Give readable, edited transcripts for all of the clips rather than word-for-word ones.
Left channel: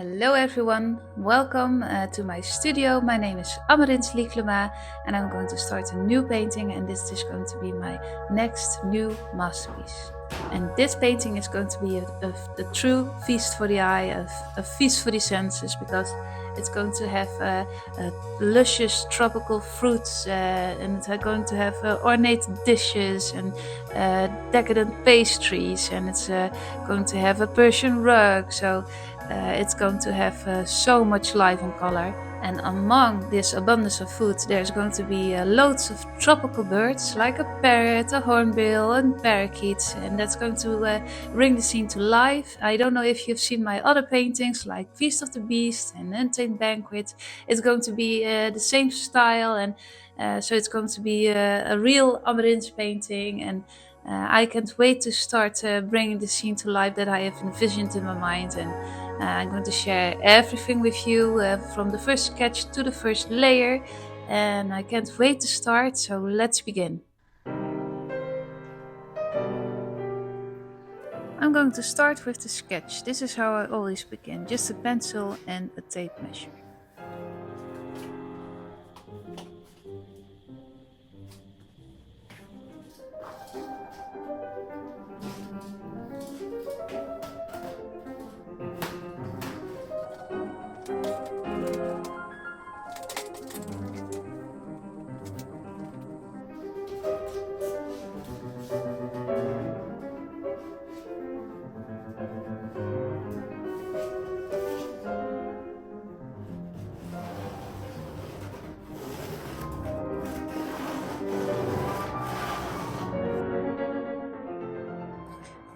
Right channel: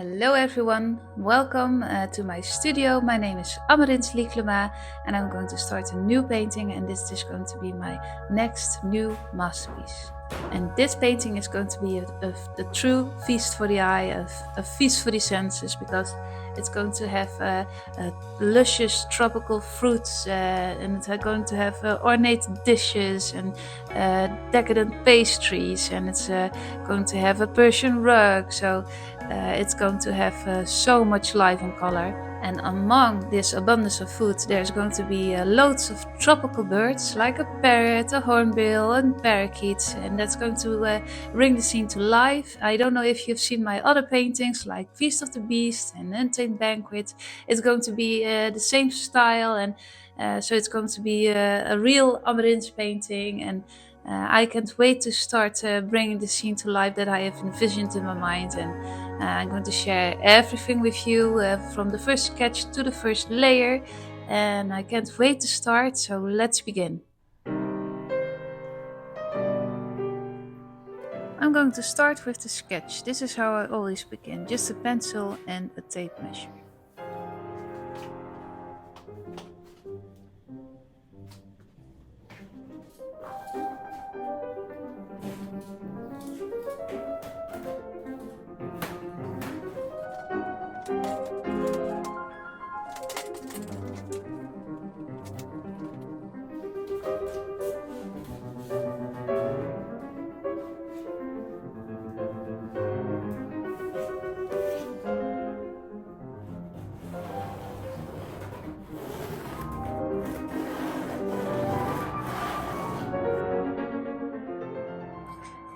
Hello everyone, welcome to my studio. My name is Amarins Lieklema and I'm going to start a new painting, and this is going to be my next new masterpiece. And this painting is going to be a true feast for the eye, a feast for the senses, because it's going to have luscious tropical fruits and it's going to have ornate dishes and decadent pastries, and it's going to have a Persian rug. So it's going to have so much life and color. And among this abundance of food, there's going to be loads of tropical birds like a parrot, a hornbill, and parakeets, and that's going to bring the scene to life. I don't know if you've seen my other paintings like Feast of the Beast and Untamed Banquet. It's going to be the same style, and so it's going to be a real Amarins painting. And I can't wait to start bringing the scene to life that I have envisioned in my mind. And I'm going to share everything with you from the first sketch to the first layer, and I can't wait to start, so let's begin. I'm going to start with the sketch. This is how I always begin, just a pencil and a tape measure.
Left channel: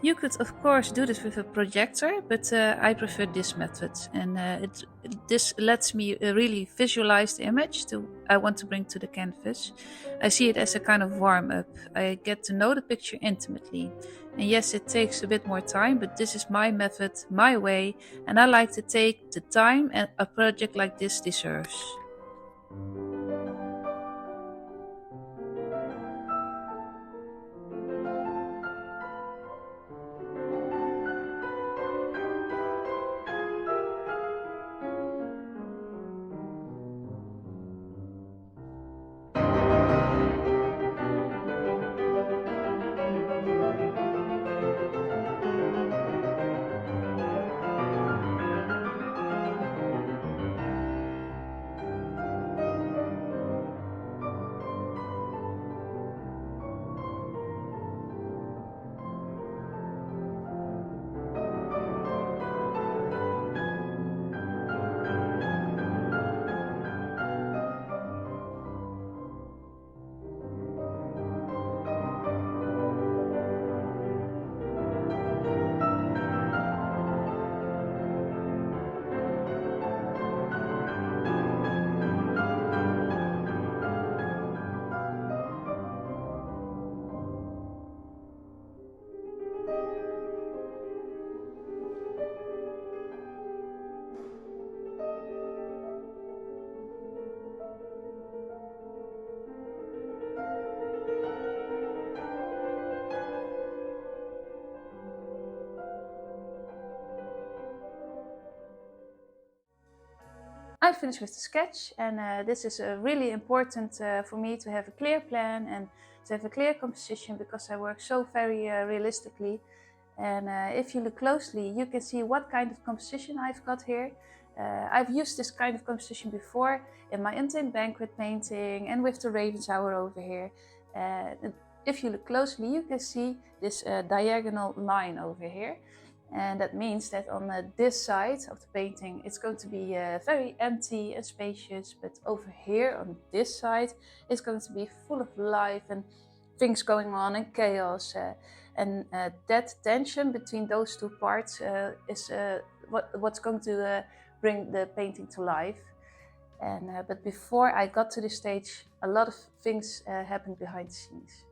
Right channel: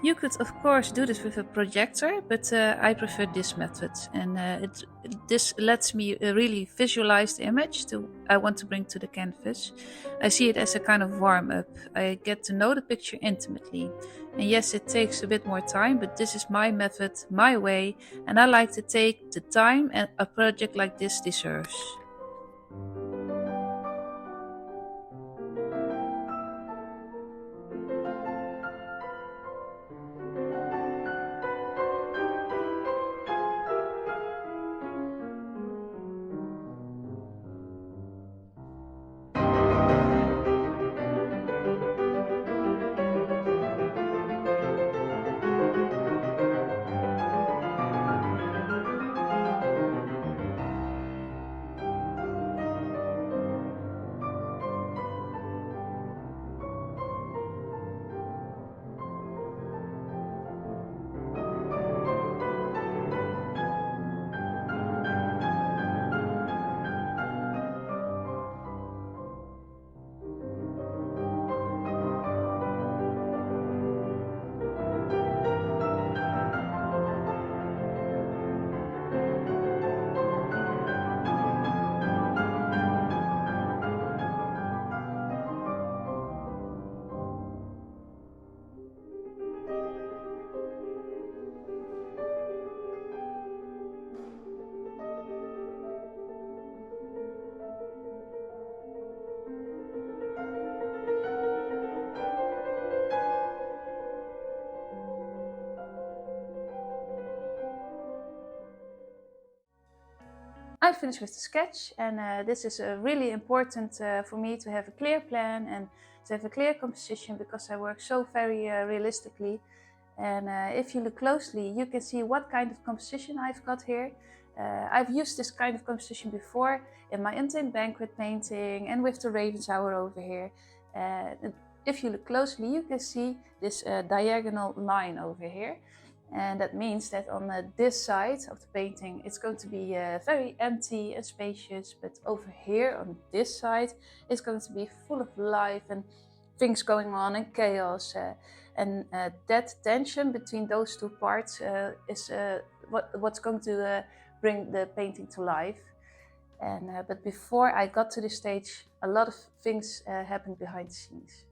You could, of course, do this with a projector, but I prefer this method, and this lets me really visualize the image I want to bring to the canvas. I see it as a kind of warm up. I get to know the picture intimately. And yes, it takes a bit more time, but this is my method, my way, and I like to take the time a project like this deserves. I finished with the sketch, and this is really important for me to have a clear plan and to have a clear composition, because I work so very realistically. And if you look closely, you can see what kind of composition I've got here. I've used this kind of composition before in my Untamed Banquet painting and with the Raven Tower over here. If you look closely, you can see this diagonal line over here. And that means that on this side of the painting, it's going to be very empty and spacious. But over here on this side, it's going to be full of life and things going on and chaos. And that tension between those two parts is what's going to bring the painting to life. And but before I got to this stage, a lot of things happened behind the scenes.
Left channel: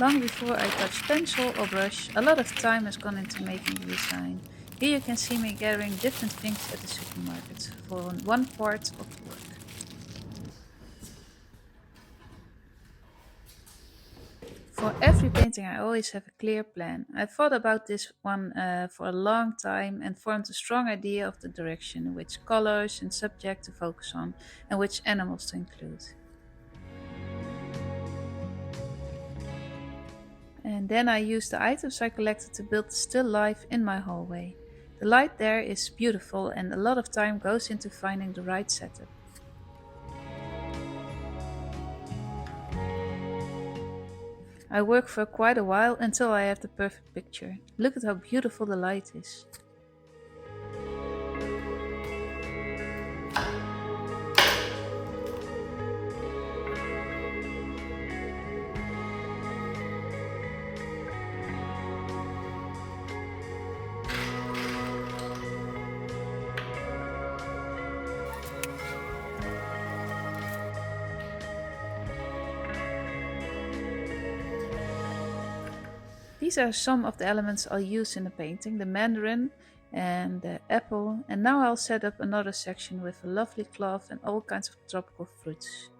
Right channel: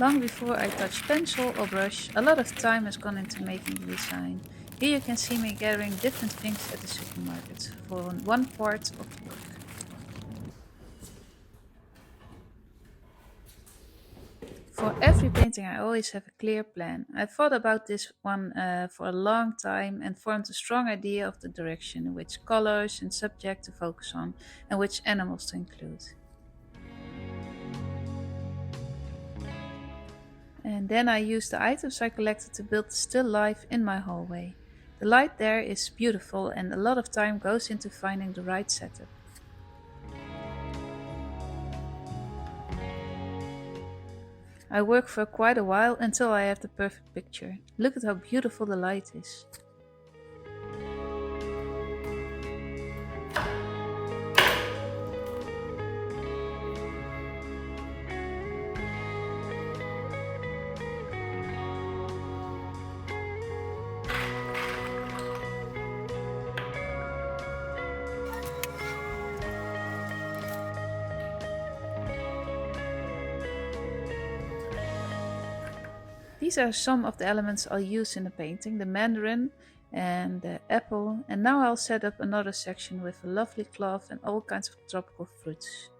Long before I touch pencil or brush, a lot of time has gone into making the design. Here you can see me gathering different things at the supermarket for one part of the work. For every painting, I always have a clear plan. I thought about this one for a long time and formed a strong idea of the direction, which colors and subject to focus on, and which animals to include. And then I used the items I collected to build still life in my hallway. The light there is beautiful, and a lot of time goes into finding the right setup. I work for quite a while until I have the perfect picture. Look at how beautiful the light is. These are some of the elements I'll use in the painting, the mandarin and the apple, and now I'll set up another section with a lovely cloth and all kinds of tropical fruits.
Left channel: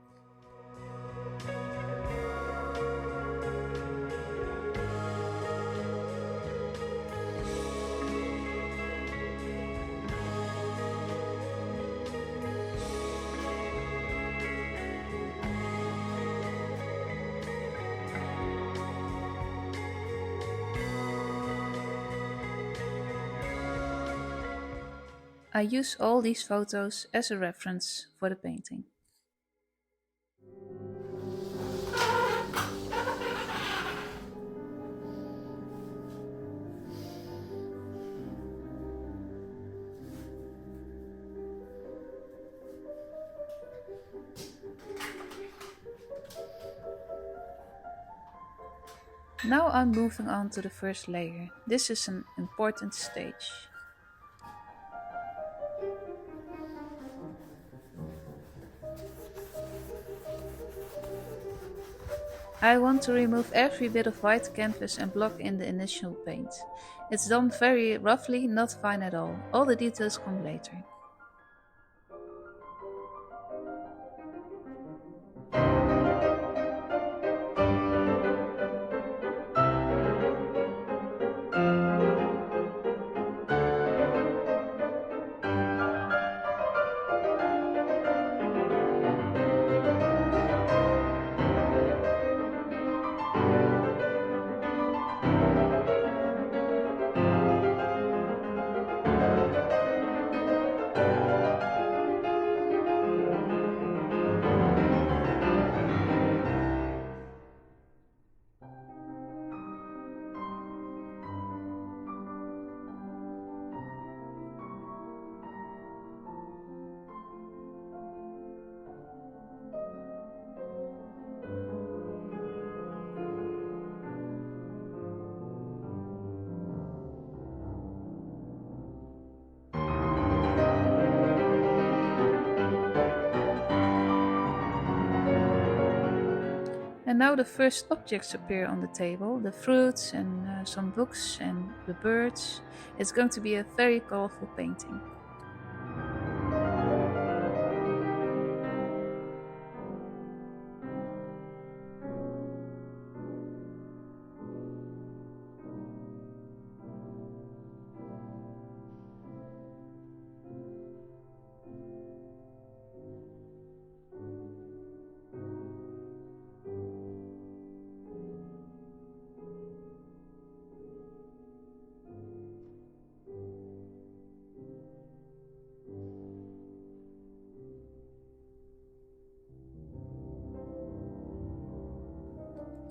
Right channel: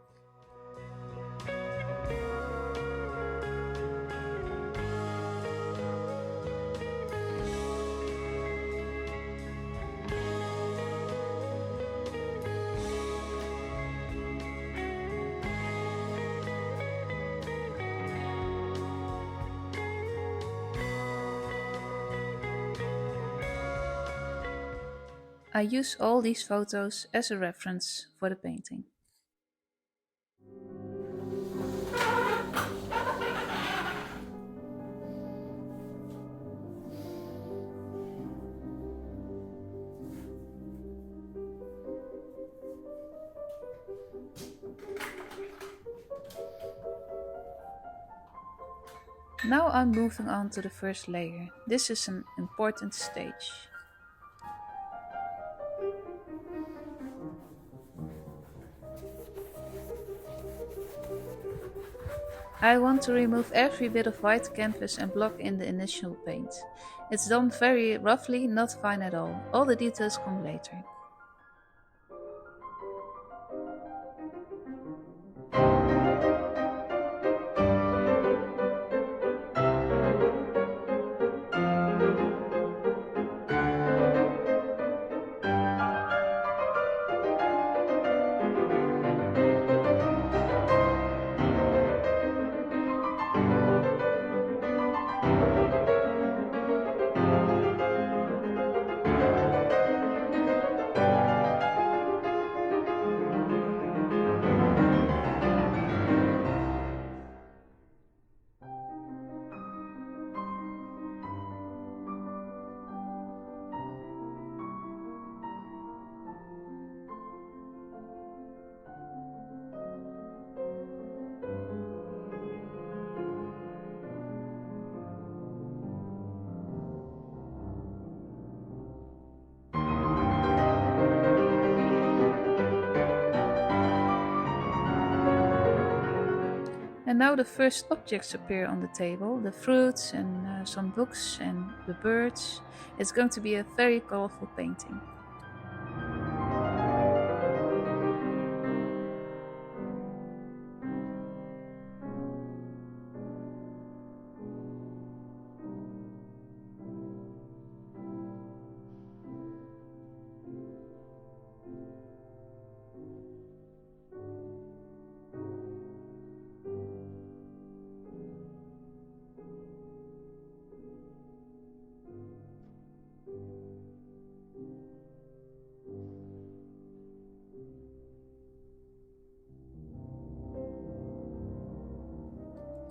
I use all these photos as a reference for the painting. Now I'm moving on to the first layer. This is an important stage. I want to remove every bit of white canvas and block in the initial paint. It's done very roughly, not fine at all. All the details come later. And now the first objects appear on the table, the fruits and some books and the birds. It's going to be a very colorful painting.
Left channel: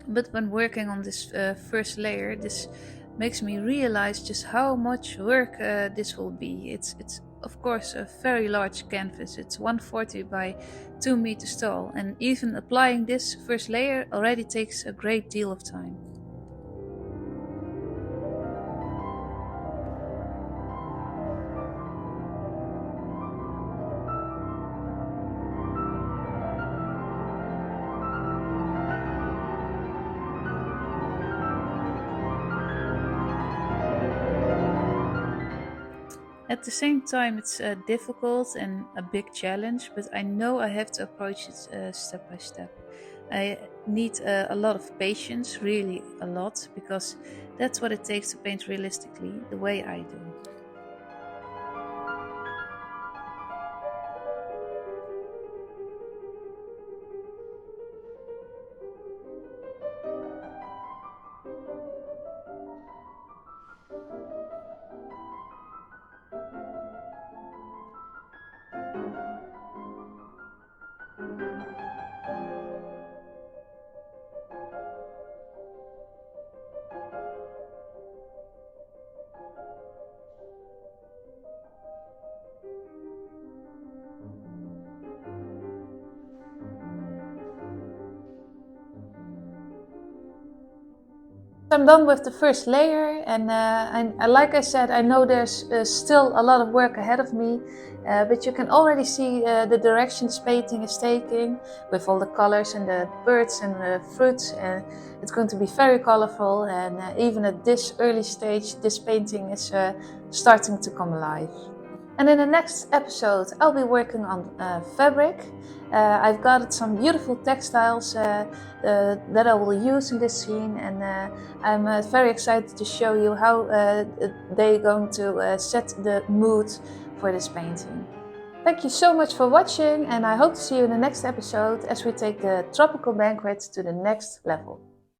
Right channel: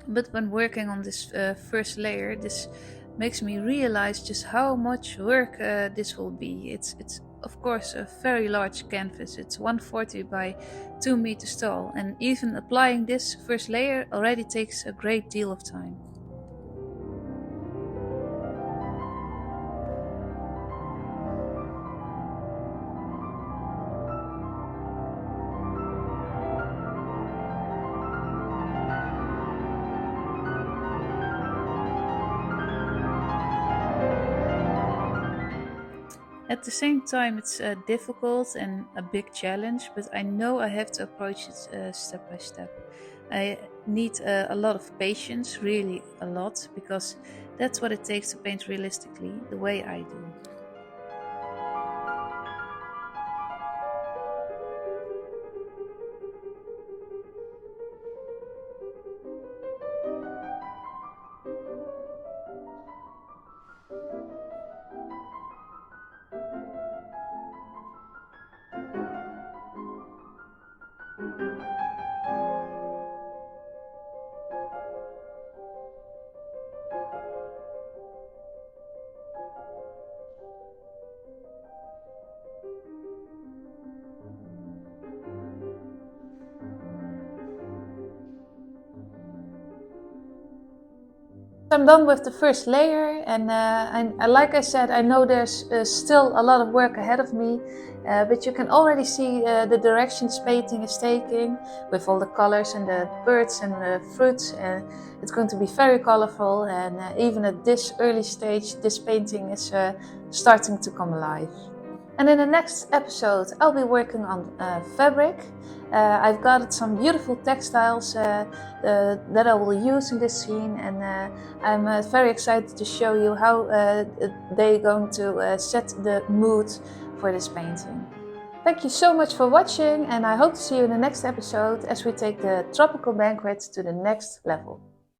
But when working on this first layer, this makes me realize just how much work this will be. It's of course a very large canvas. It's 140 by 2 meters tall, and even applying this first layer already takes a great deal of time. At the same time, it's difficult and a big challenge, but I know I have to approach it step by step. I need a lot of patience, really a lot, because that's what it takes to paint realistically, the way I do. I'm done with the first layer, and like I said, I know there's still a lot of work ahead of me, but you can already see the direction this painting is taking with all the colors and the birds and the fruits, and it's going to be very colorful, and even at this early stage this painting is starting to come alive. And in the next episode, I'll be working on fabric. I've got some beautiful textiles that I will use in this scene, and I'm very excited to show you how they're going to set the mood for this painting. Thank you so much for watching, and I hope to see you in the next episode as we take the tropical banquet to the next level.